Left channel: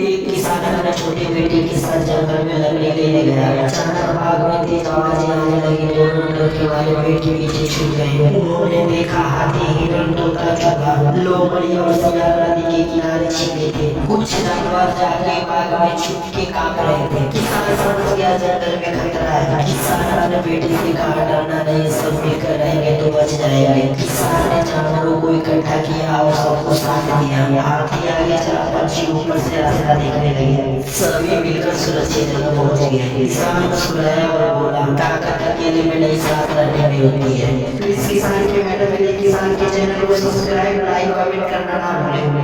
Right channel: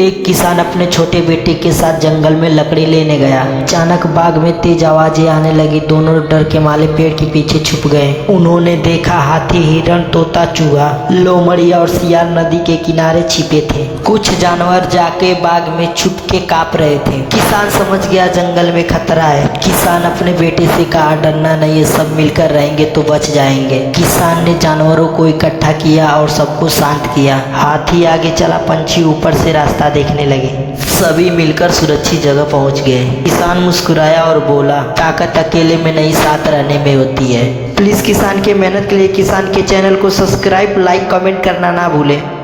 एक किसान अपने छोटे बेटे के साथ जंगल में लकड़ी लेने गया। अचानक बाग में तेज आवाजें आने लगी। दोनों डर के मारे पेड़ के पीछे छुप गए। उन्होंने देखा हाथी, हिरण, तोता, चूहा, लोमड़ी और सियार नदी के किनारे छिपे थे। कुछ जानवर जाके बाग में छुप के कांप रहे थे। किसान समझ गया जंगल में खतरा है। किसान अपने बेटे से कहा, डरना नहीं है, सब मिलकर रहेंगे तो बच जाएंगे। किसान ने जानवरों को इकट्ठा किया और सबको शांत किया। हाथी आगे चला, पंछी ऊपर से रास्ता देखने लगे। सभी मिलकर सुरक्षित जगह पहुंच गए। किसान मुस्कुराया और बोला, ताकत अकेले में नहीं, साथ रहने में होती है। प्लीज किसान के मेहनत के लिए किसान के चैनल को सब्सक्राइब, लाइक, कमेंट करना ना भूलें।